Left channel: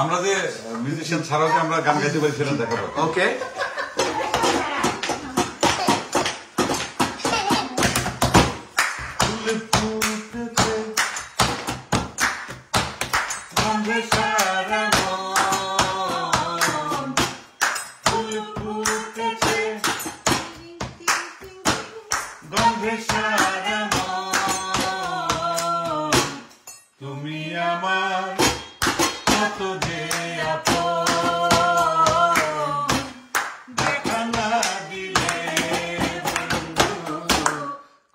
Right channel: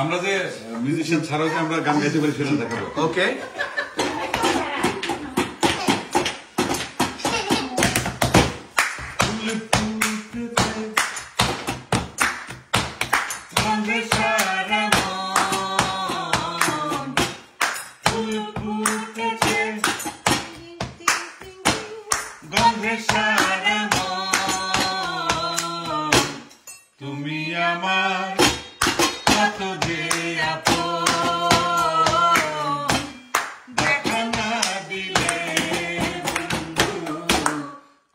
আমরা যে মিউজিশিয়ান ছাড়াও যে আমরা গান গাইতে পারি সেটা দেখাবো। ওকে, তুমি আমার কত যে আপন, দেখা না দিলে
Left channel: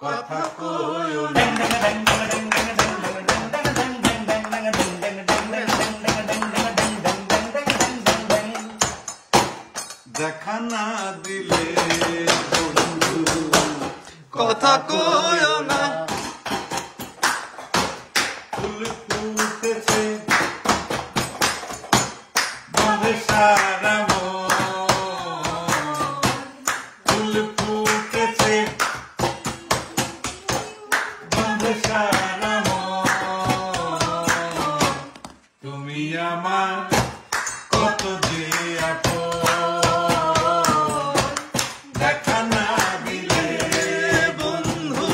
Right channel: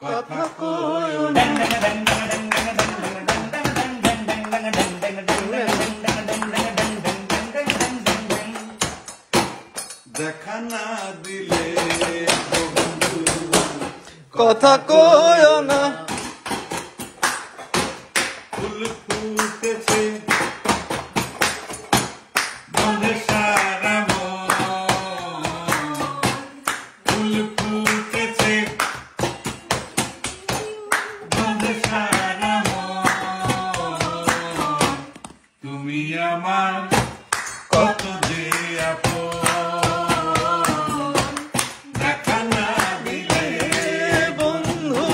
কথা কই না। দেখা না দিলে কথা কয় না। ফুল ফুটেছে বনে সারা মন, ফুল ফুটেছে বনে সারা মন, তুমি আমার কত যে আপন, দেখা না দিলে বন্ধু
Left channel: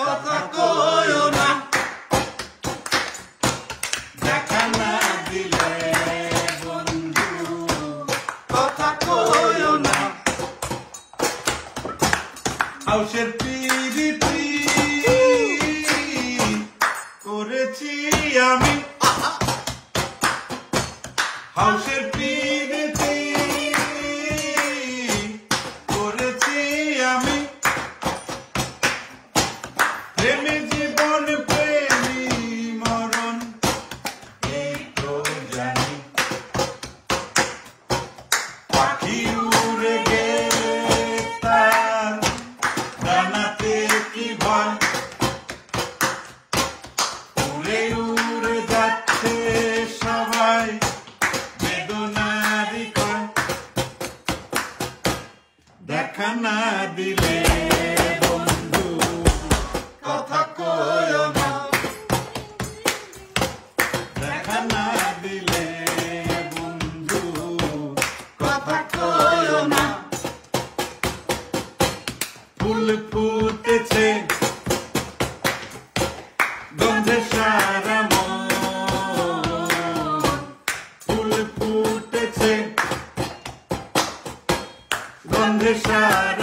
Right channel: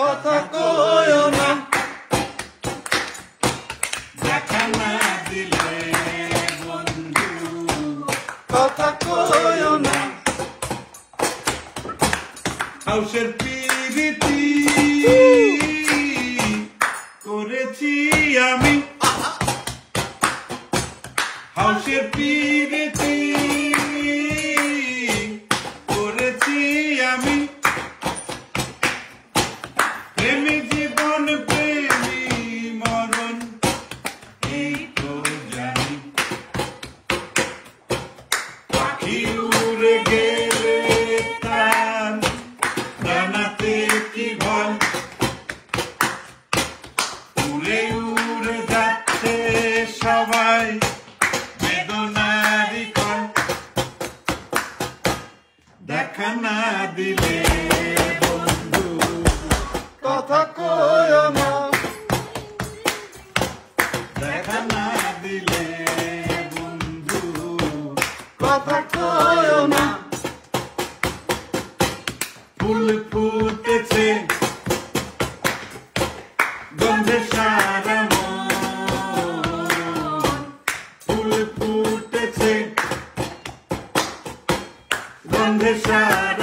কথা কয় না। দেখা না দিলে বন্ধু কথা কয় না। হাউসের পিরিতি করেছি আমি, হাউসের পিরিতি করেছি আমি, প্রেমী জীবন প্রেমী মরণ এই তো জানি, পাখি উড়ে গেলে তার জানাতে কি ভয়, উড়ে উড়ে যাচ্ছে সবাই বেদনারি কয়, দেখা না দিলে বন্ধু কথা কয় না, দেখা না দিলে বন্ধু কথা কয় না। ফুল ফুটেছে গন্ধে সারা মন, ফুল ফুটেছে গন্ধে সারা